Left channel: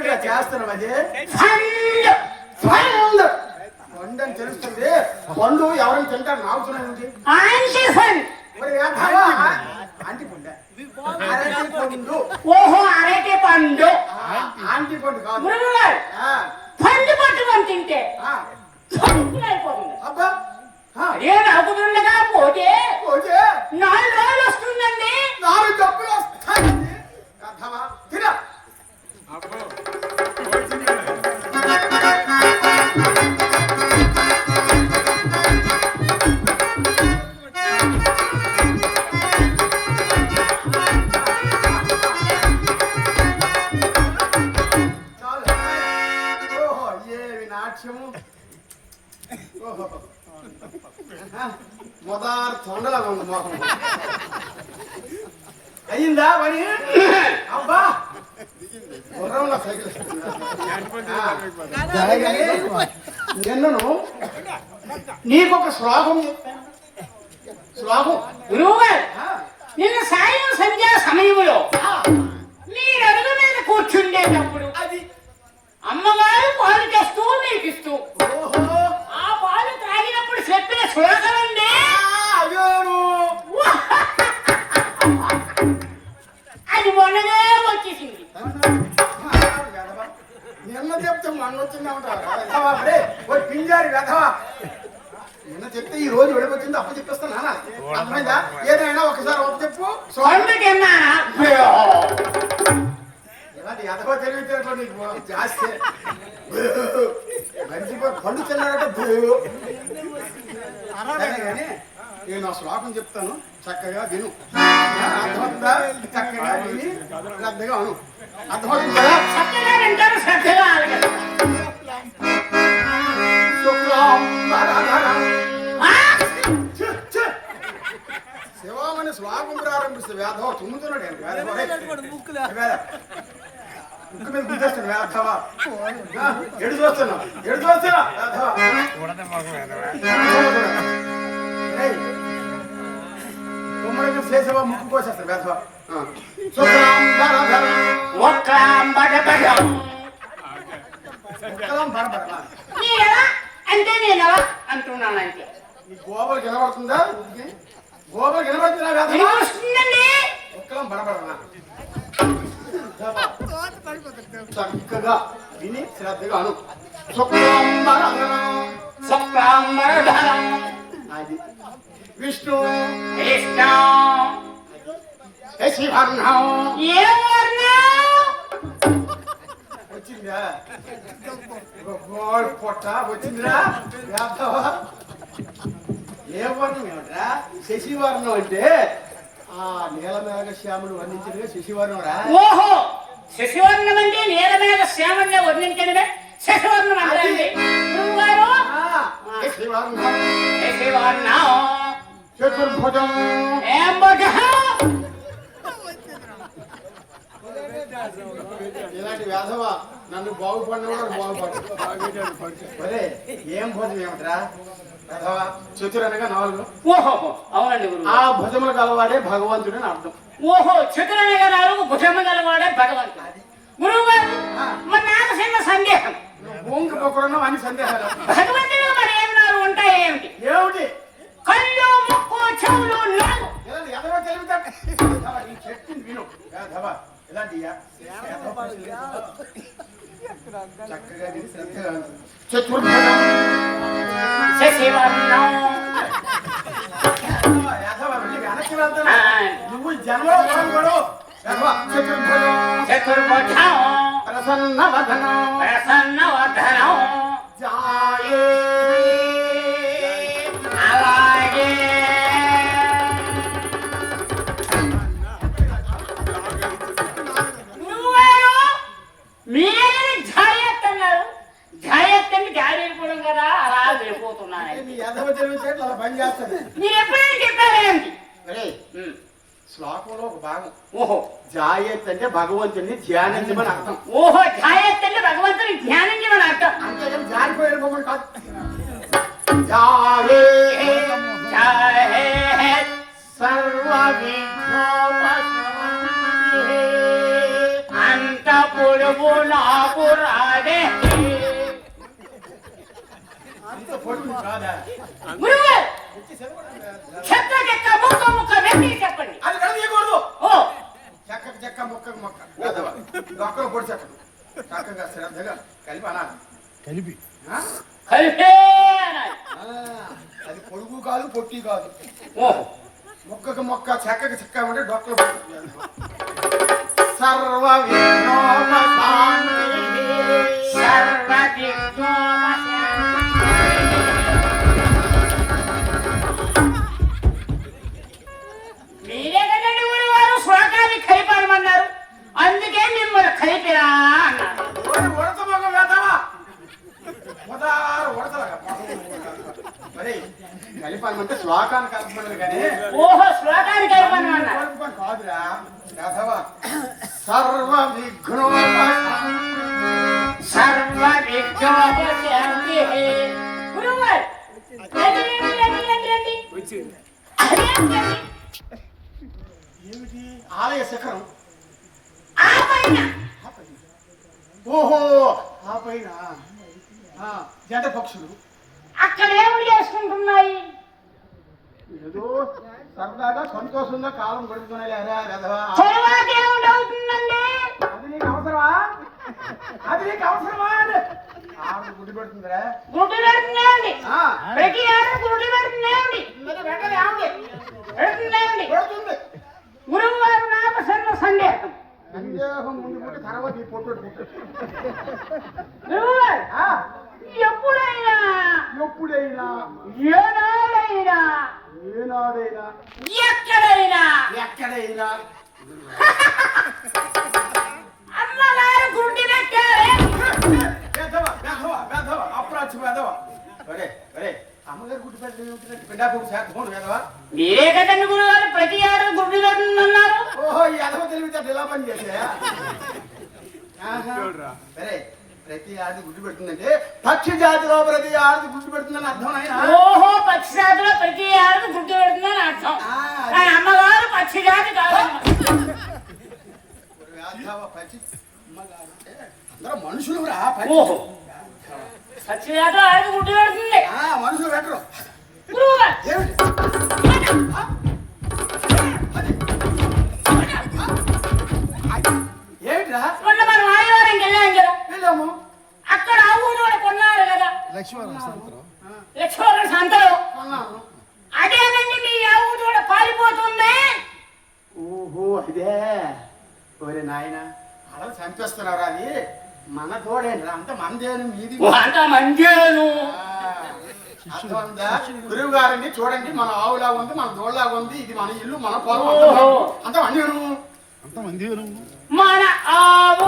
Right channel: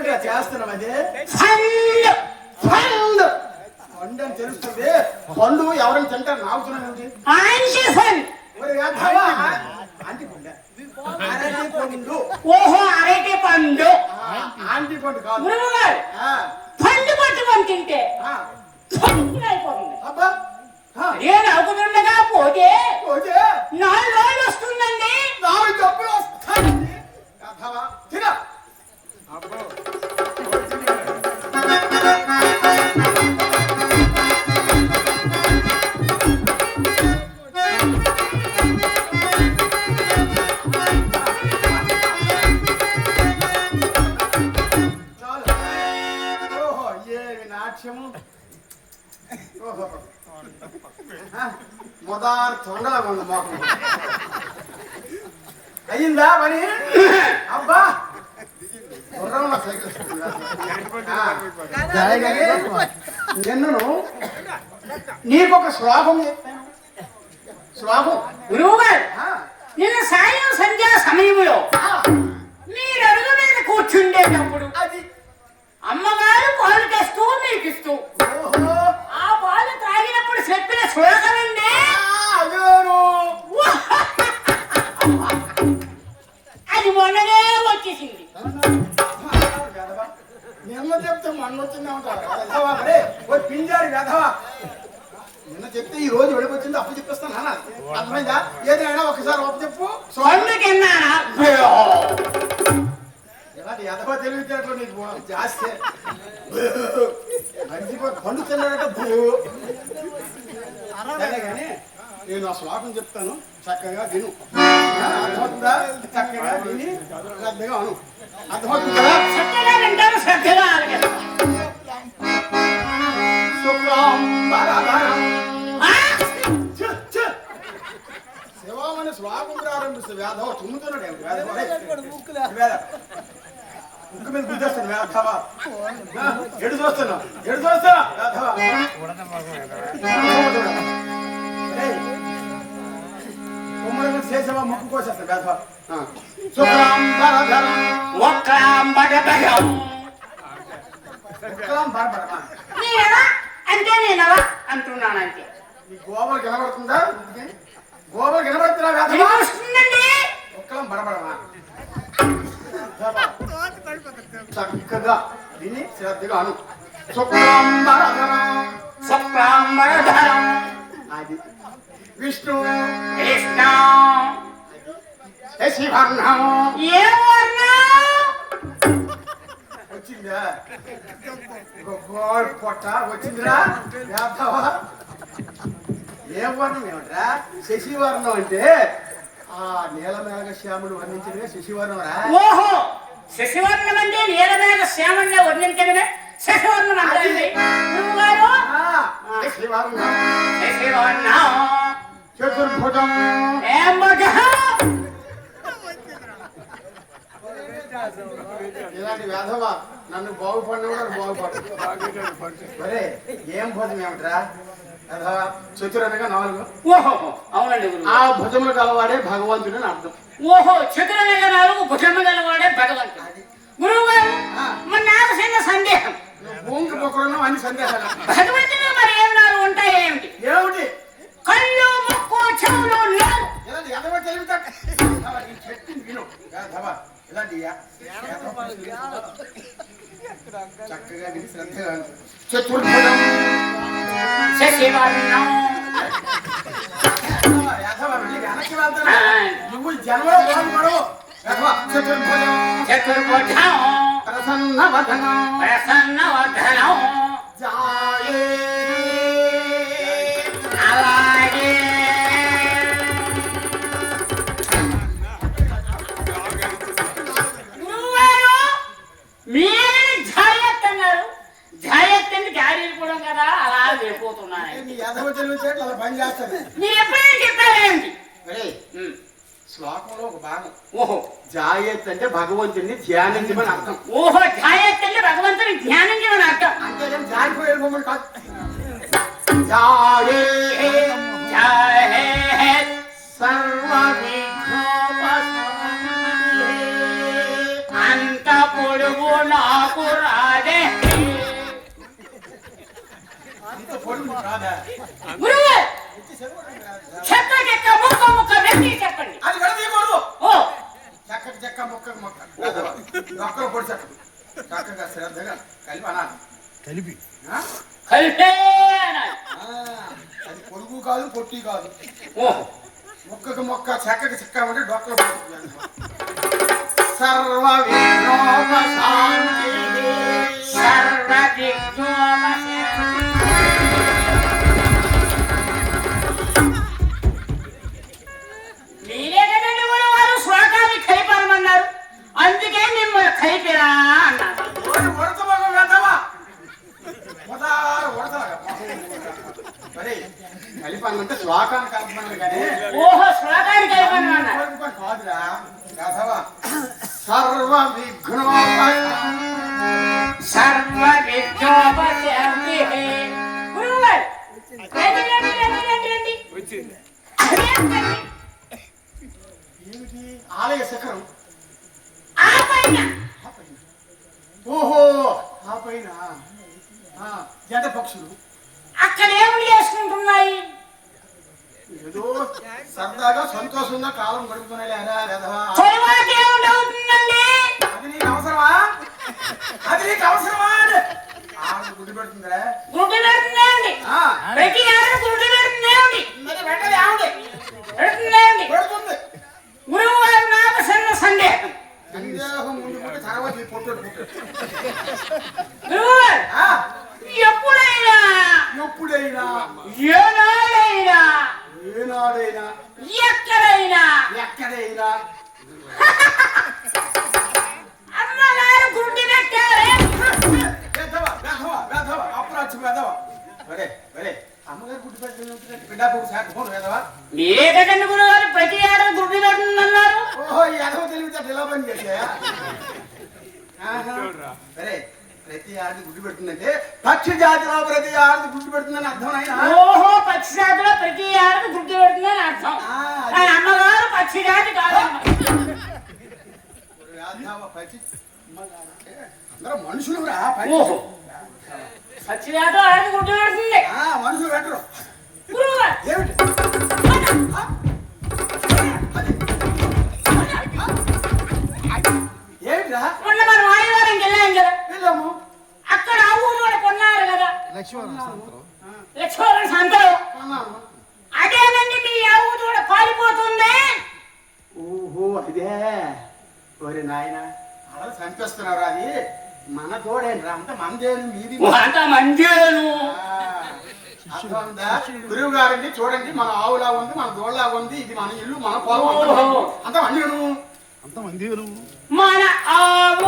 ఏమిటా చేస్తున్నావు అది? పండు అని తెలుస్తుంది. పండు ఎవరైనా తింటారు నాగుతున్నానండి. అరటి పండు. ఓహో అరటి పండు. ఆంటీ పండు కాదు. పండు పట్టుకొని తింటే అబ్బా నేను అనుకుంటుండగా పోతే పోతే 4 రోజులు వస్తుందండి. 4 డబ్బులు వస్తాయండి. తిన మొదలు తొండలాగా ఉంది మోకం. అయ్యిందా పని? అబ్బా గుర్రంలో సైకిల్ నిన్ను నీకు ఒక శ్లోకం చెప్తాను. శ్లోకం గురువుగారు నిన్న సాయం సంధ్యా సమయంలో మీరు అడుగు మీద కూర్చుండేటప్పుడు అది అమ్మగారు పాలు తెస్తూ మీకు ఇస్తూ ఆ పాలు త్రాగినప్పుడు చెప్పిన శ్లోకమండి. అది మొన్ననే వచ్చేసింది. నిన్న చెప్తే మొన్న వచ్చిందా ఉంటారు పింజారి వెధవా. నిన్న చెప్తే ఈ రోజు వెడికొచ్చింది అప్పు చెప్పేస్తాను. అర్థమైందా? ఏదైనా ఒకసారి ఒక చెప్పు. ఇలాంటి ఎదవ తెలివితేటలో నీకు జాస్తి. మర్చిపోయి పండు తిన్నాడంటే సరే కానీ నేను ఆ శ్లోకం చెప్తాను, చక్కగా విను. అర్థమవుతుందా? చక్కగా విని శ్రద్ధగా అను. అర్థమవుతుందా? శివామని శ్లోకం ప్రారంభిస్తే వేధవ తుమ్ముతున్నాడు. ముక్కు మీద గుద్దేస్తాను వేధవా. ఎడు చూస్తున్నావు ఎడు చూస్తా వేధవా. కుమ్మరంగా చేసేవా ముక్కు కోసేస్తా వేధవా. అంటే నేను అంటున్నానంటే గోబలు కనబడుతుందా? గోబలు కనబడుతున్నా వేధవా. ఒక్కలం బడబడమా. చక్కగా విని శ్రద్ధగా అను. అది విష్ణు వచ్చిందా? పొట్ట వచ్చిందిరా వేధవా. ఏ వర్ణం ఏమిట్రా? శశివర్ణం అంటే ఆ నీలమేఘ శ్యాములు వర్ణించినగా శశివర్ణం రా. ఓహో శశివర్ణం అంటే నీలమేఘ శ్యాముల్ని వర్ణించినదే శశివర్ణం అంటే. చతుర్భుజం ఇలాంటి వేధవ నన్ను బాగుపడిన కూడా బాగుపడు. ఏం భుజం ఏమిట్రా? చతుర్ అనగా 4. ఓహో అవునండి. ఆ భుజములు గలవాడే భగవంతుడు అని అర్థం. ఓహో చతురనగా 4 భుజములు గలవాడే భగవంతుడు. గురువు గారు మరి నాకు చిన్న సందేహం. భూమికి మొక్కలున్నావు అని సందేహాలు. భగవంతుడు మరి ఏమి 4 ఉంటాయి ఏమిటి? ఏమిటి? కళ్ళు ముక్కు చెవులు నోరు. ఇలాంటి ఎదవ తెలివితేట చెప్పింది విను. ఇలాంటి చక్కగా విని శ్రద్ధగా చతుర్భుజం నువ్వు జన్మలో చతుర్భుజం ప్రసన్నవదనం ప్రసన్నవదనం జాయే. అలాగే మీరే జాయత్ అన్నారు. జాయత్ అంటే గాలి వెళ్ళిపోవడం కదా, అలా వెళ్ళిపోతున్నాను. మీరు ఎప్పుడైనా చెప్పారేంటి? శ్లోకంలో ఒక భాగం. ఓహో జాయత్ అంటే భగవంతుని ధ్యానించమని అర్థం. ఓహో జాయత్ అంటే భగవంతుని ధ్యానించమని అర్థం. అంతేగాని జారిపోయే భగవంతుడు కాదు. జాయే అంత పొడుగు నాకు రాదే అంత పొడుగు కాదా? గురువు ఎత్తి సెలవు రాదా? చెక్క చెక్క ముక్క ముక్క వెండి చెప్పండి. అది విడదీయకూడదు. ఓ చెక్కకు చెక్క మొక్కకు మొక్క వేదవా. ఒక్కరు పొడి చెక్క చక్కగా శ్రద్ధగా కలిపి అనాలి. కలిపి ఆ? కలిపే అనాలి. ఆ, అది పొడుగు కాదు పొట్టి కాదు. ఓ మొక్కకు మొక్క చెక్కకు చెక్క ఉంటే డొక్కలు పడుతుంది. సర్వ విఘ్నోపశాంతి సర్వ విఘ్నోపశాంతి. మీరే కదండి గురువారు శ్లోకాన్ని కలిపనమన్నారు. అందుకే మిమ్మల్ని కలిపిరా అన్నారు. ఉడతమగ వేదవా. మరి కలిపాలంటే శ్లోకాన్ని కలపమని కానీ ఓహో శ్లోకాన్ని కలిపనమన్నారు. కలిపని కాదురా వేదవా. సర్వ విఘ్నోపశాంతి సర్వ విఘ్నోపశాంతి. గురువారు రండి, రండి, రండి, రండి, రండి. అదేంటండి? ఏమిటి ఆలయ శిఖరం? ఆ పైన ఓహో ఆ పైన జంట పక్షులు అక్కడ ఏమి చేసుకుంటున్నాయి? ఏదో సరదాగా సంతోషంగా కాలం గడుపుతున్నాయి. తర్వాత ఏమిటవుతుందండి? అది నీకు అవసరమా? అది నీకు అవసరమా? ఆవిడ గుడ్డు పెడుతుందిరా. గుడ్డు పెడుతుందండి. ఆ, ప్రతి ఏడాది గుడ్డు పెడుతుందండి. మరి వెంటనే ఆవిడ పెడుతుందండి. పెడుతుంది. గురువు గారు నాకు సన్న సందేహం. సందేహం ముందు కూడా తర్వాత ఈ పొట్టు పుట్టాడు. గురువు గారు ఆ, ఎప్పుడైనా ఎప్పుడైనా ఏనాడైనా ఏనాడైనా ఎక్కడైనా ఎక్కడైనా అమ్మగారు గుడ్డు పెట్టారే. అప్రాచ్చి వేదవా. ఒరే ఒరే అమ్మగారు గుడ్డు పెట్టి బిడ్డ శాఖ వేదవా. మీరే కదండి గురువు గారు ప్రతి ఏడాది గుడ్డు పెడుతుందన్నారు. ఓహో ఈ ఎదవ తెలివితే ఇలా పని చేసా. సరే ప్రతి ఆది గుడ్డు పెడుతుందంటే పక్షి జాతిలో ప్రతి ఆది గుడ్డు పెడుతుందని అర్థం అయినా. ఓహో పక్షి జాతిలో ప్రతి ఏడాది గుడ్డు పెడుతుందని అర్థం. కానీ అమ్మగారు పక్షి జాతి కాదమ్మ. పక్షి అమ్మగారంటే అందరూ మనుషులు రా. ఓహో పక్షి జాతిలో ఆడది గుడ్డు పెడుతుంది. మనుషులు పెట్టరు. గురువు గారు ఏమిటి ఏమిట్రా? మొన్న మనం ఆదివారంకి వెళ్ళాం కదా, వెళ్ళాము. అక్కడ ఆ ఊరు కొన్నారు కదా లక్ష్మీవరం సంతరం లక్ష్మణ సంతలో. అన్నాము. అదేనండి మీ ఆ ఊరు కూడా పారిపోతుంది. ఓహో అదే. ఓరే నాయన అలా చంపేస్తున్నారు. అది మన తోడేంట్రా అంత మందేను మీది. అంత మంచిను. గురువు గారిని చూడండి మన ఆవులా ఉంది మన దోళ్ళలా ఉంది. ఇది మన ఇల్లు మన పొలం అంత మందేను. అంతమంది మన ఆవు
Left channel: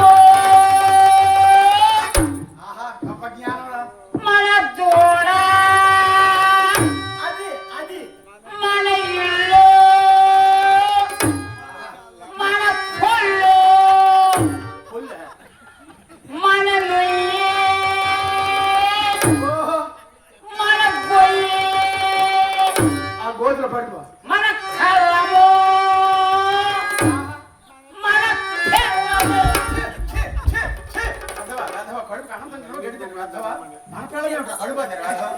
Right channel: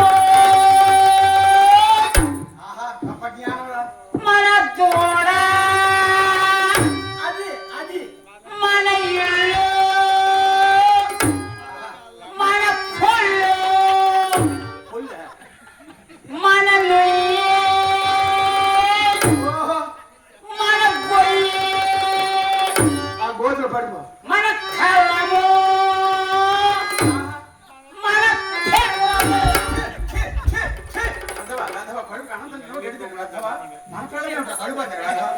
ఆహా గొప్ప జ్ఞానం. మన దూడ అది అది మన ఇల్లు మన పొల్లు పుల్ల. మన నుయ్యి ఓహో మన గొయ్యి ఆ గోతులు పడిపో. మన కళ్ళము మన పిల్లము. అర్థవా అర్థవా కడుపు అనంతం గడిచి అర్థవా మన పిల్లలే ఉంటారు కడుపు అర్థవా.